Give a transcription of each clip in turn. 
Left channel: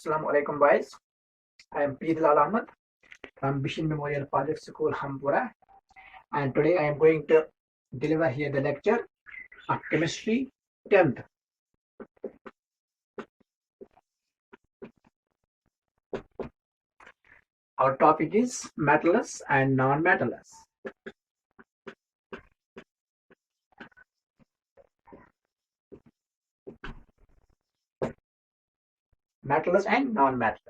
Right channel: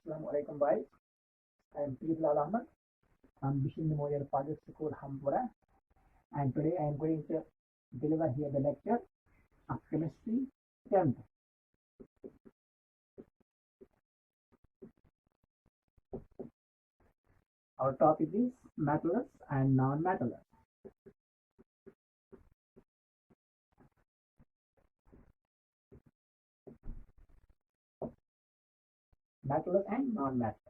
Assalamu alaikum boys. I am Pidlal Ahmad from Bishan Memorial Public School, Hampura, and today I am going to deliver here the lecture of Chemistry 10th. Our topic is metals and non-metals. Metals and non-metals.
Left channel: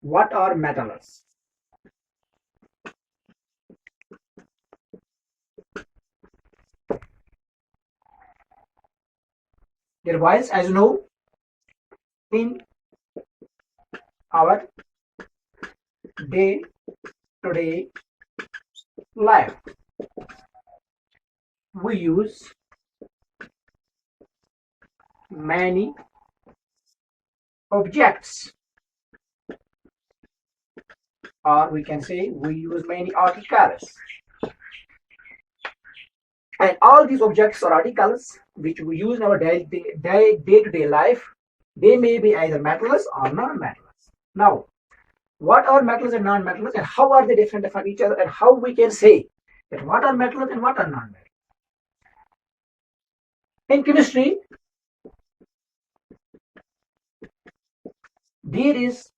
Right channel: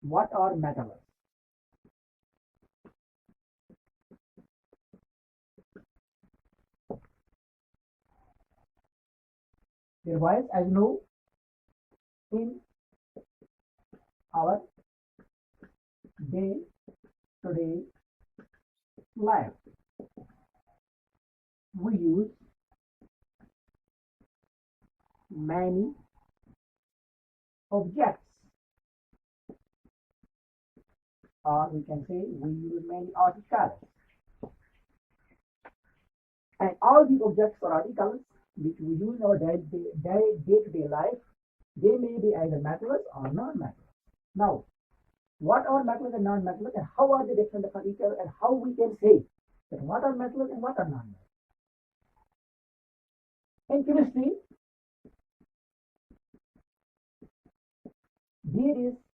What are metals? Dear boys, as you know, in our day-to-day life, we use many objects, or we can say we use many articles, and all these objects or articles which we use in our day-to-day life, they may be either metals or non-metals. Now, what are metals and non-metals, and how are they different from each other, and how we can say that what are metals and what are non-metals? In chemistry, there is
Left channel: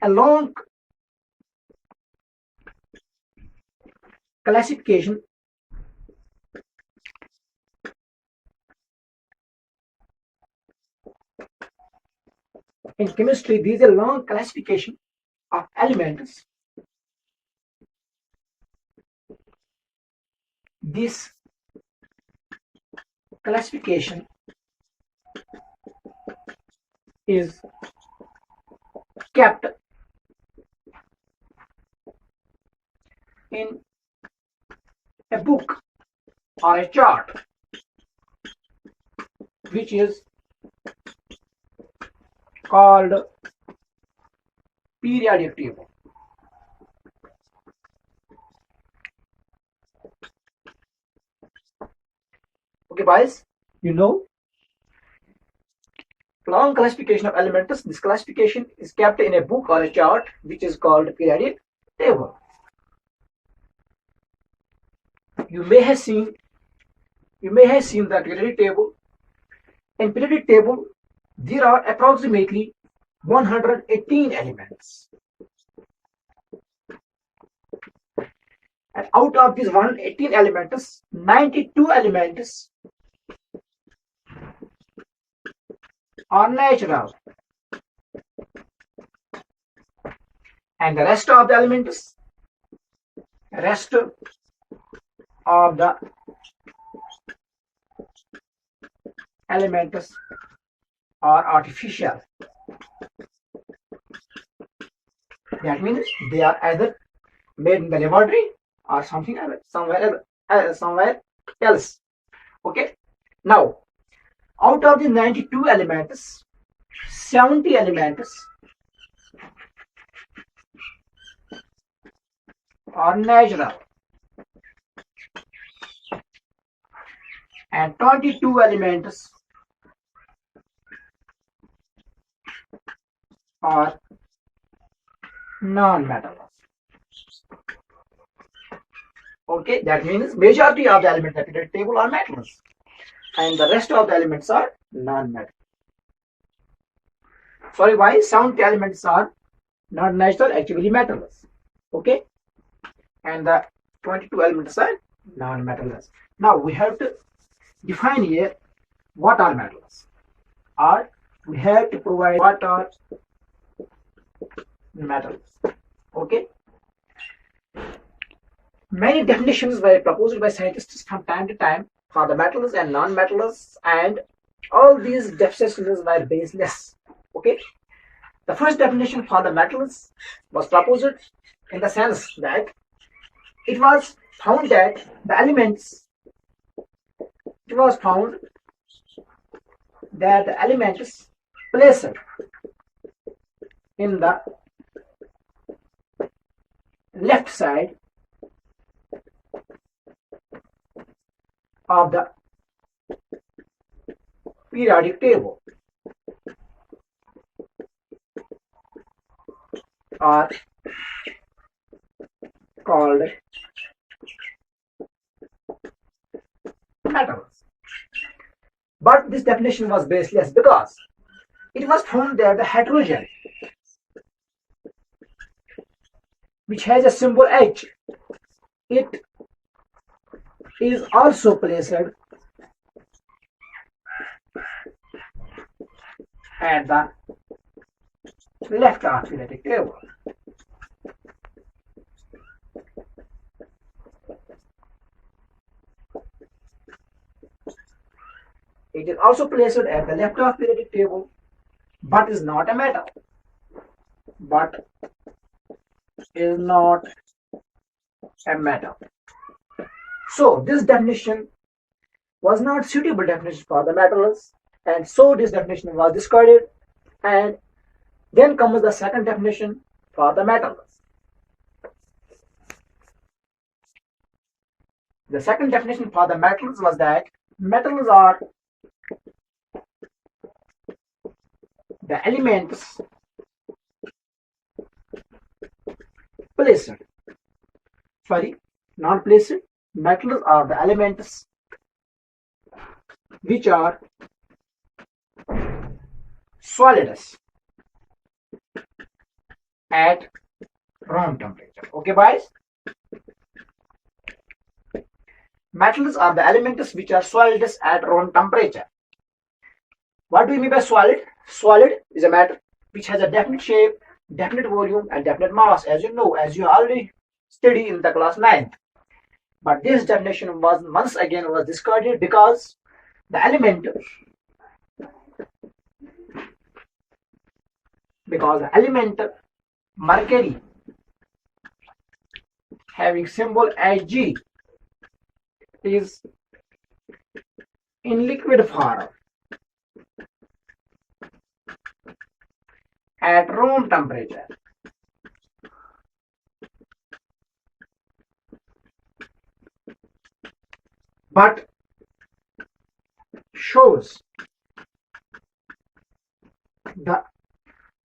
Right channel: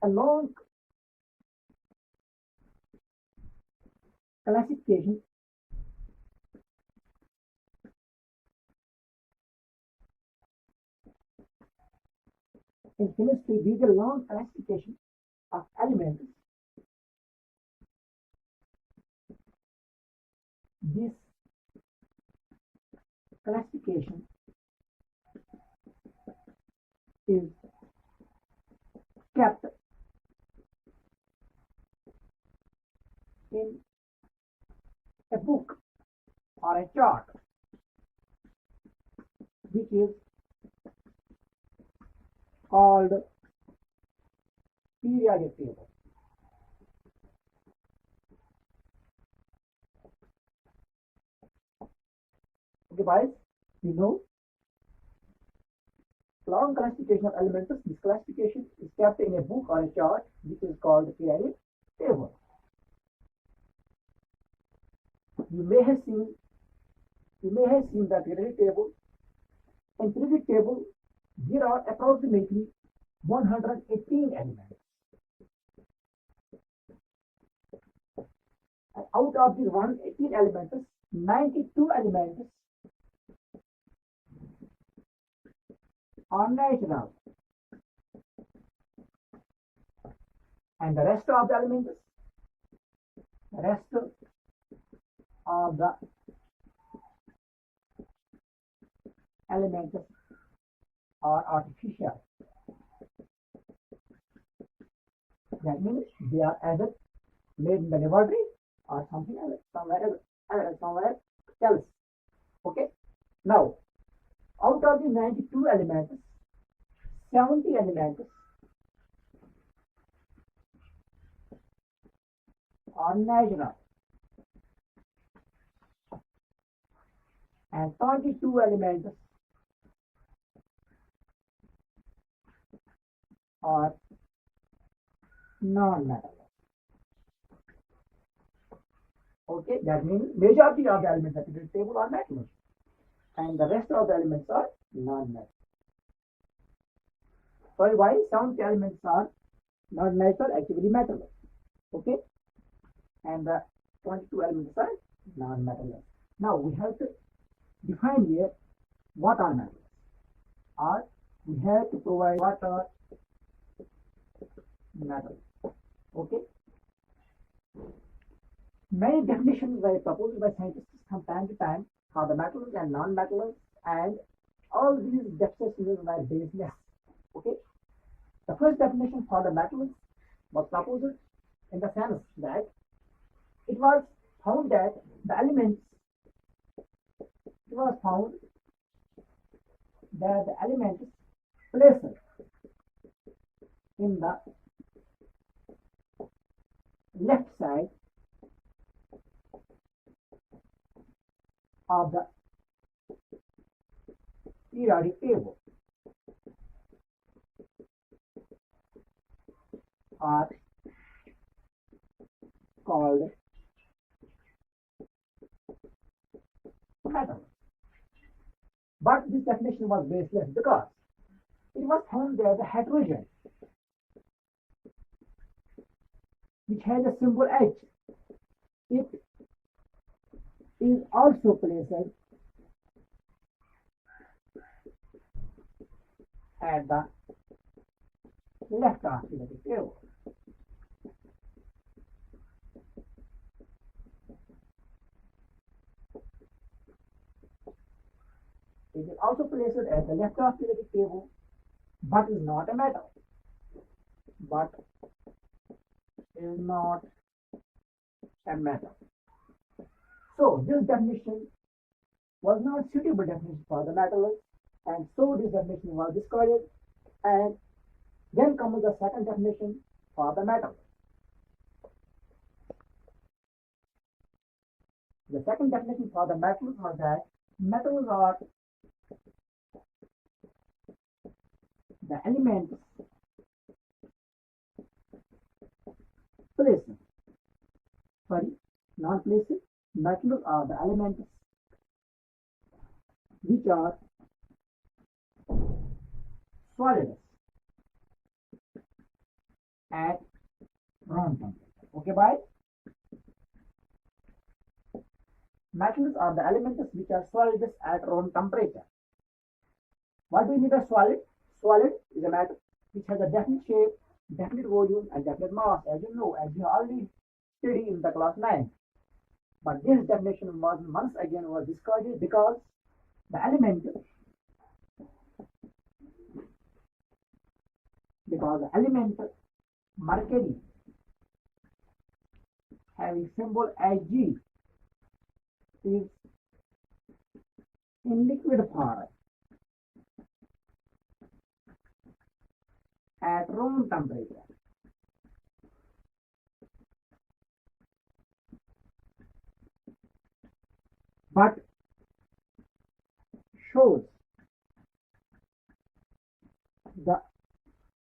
a long classification in chemistry. There is a long classification of elements. This classification is kept in a book or a chart, which is called periodic table. Okay, boys, you know, long classification of elements. This classification is kept in a book or a chart, which is called periodic table. You may have seen the periodic table. In periodic table, there are approximately 118 elements. And out of these 118 elements, 92 elements are natural. And the rest of the elements, are artificial. That means they are either made in the laboratory or somewhere else. Okay. Now, out of the 92 elements, 70 elements are natural, and 22 elements are non-metals. Okay, that means majority of the elements in the periodic table are metals, and the rest of the elements are non-metals. Sorry, why 70 elements are not natural, actually metals. Okay, and the 22 elements are non-metals. Now we have to define here what are metals, or we have to provide what are metals. Okay, many definitions were proposed by scientists from time to time for the metals and non-metals, and all these definitions were baseless. Okay, the first definition for the metals was proposed in the sense that it was found that the elements placed in the left side of the periodic table are called metals. But this definition was baseless because it was found that the hydrogen, which has a symbol H, it is also placed at the left of periodic table. It is also placed at the left of periodic table, but is not a metal. But is not a metal. So this definition was not suitable definition for the metals, and so this definition was discarded. And then comes the second definition for the metals. The second definition for the metals was that metals are the elements placed, non-placed. Metals are the elements which are solids at room temperature. Okay, boys? Metals are the elements which are solids at room temperature. What do you mean by solid? Solid is a matter which has a definite shape, definite volume, and definite mass, as you know, as you already studied in the class 9th. But this definition was once again discarded because the element mercury having symbol Ag is in liquid form at room temperature. But shows the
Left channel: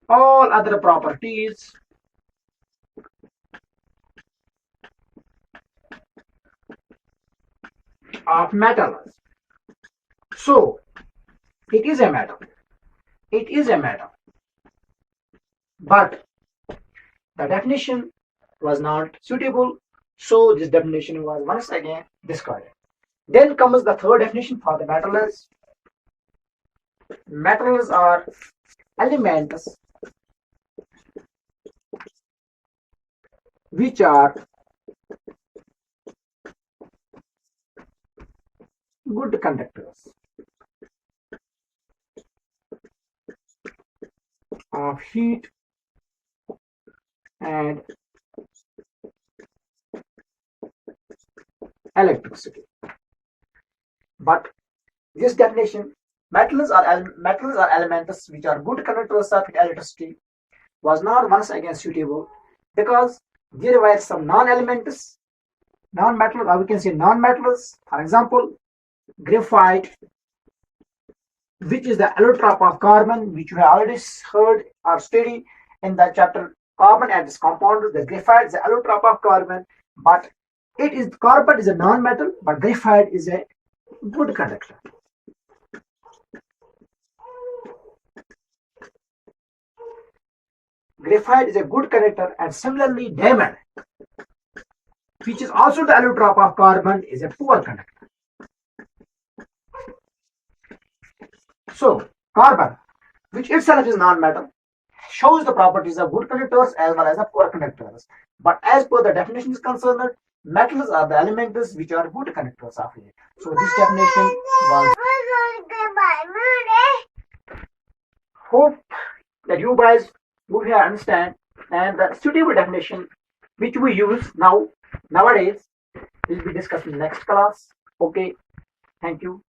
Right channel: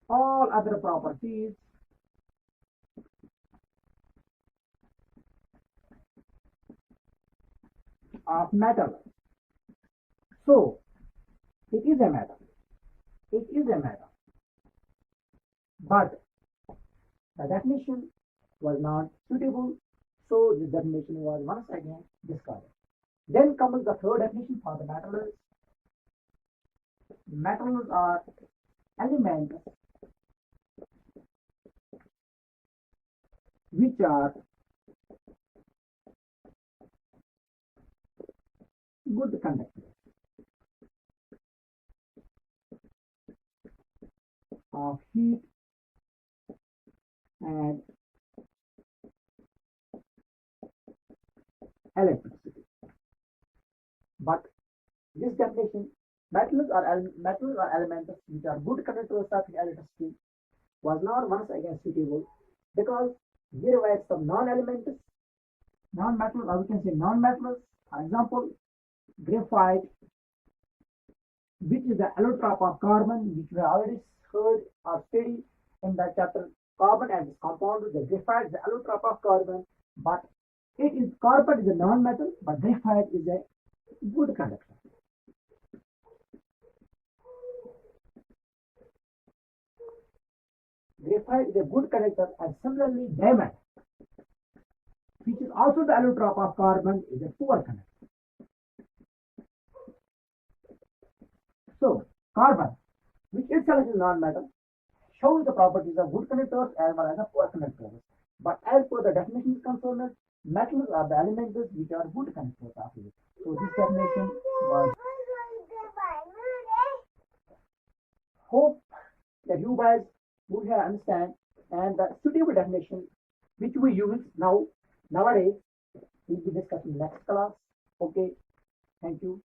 all other properties of metals. So it is a metal. It is a metal. But the definition was not suitable, so this definition was once again discarded. Then comes the third definition for the metals. Metals are elements which are good conductors of heat and electricity. But this definition, metals are elements which are good conductors of electricity, was not once again suitable because there were some non-elements, non-metals, or we can say non-metals. For example, graphite, which is the allotrope of carbon, which we have already heard or studied in the chapter carbon and its compounds. The graphite is the allotrope of carbon, but carbon is a non-metal, but graphite is a good conductor. Graphite is a good conductor, and similarly diamond, which is also the allotrope of carbon, is a poor conductor. So carbon, which itself is non-metal, shows the properties of good conductors as well as the poor conductors. But as per the definition is concerned, metals are the elements which are good conductors of it. So this definition was. Hope that you guys would have understand, and the suitable definition which we use nowadays will be discussed in next class. Okay, thank you.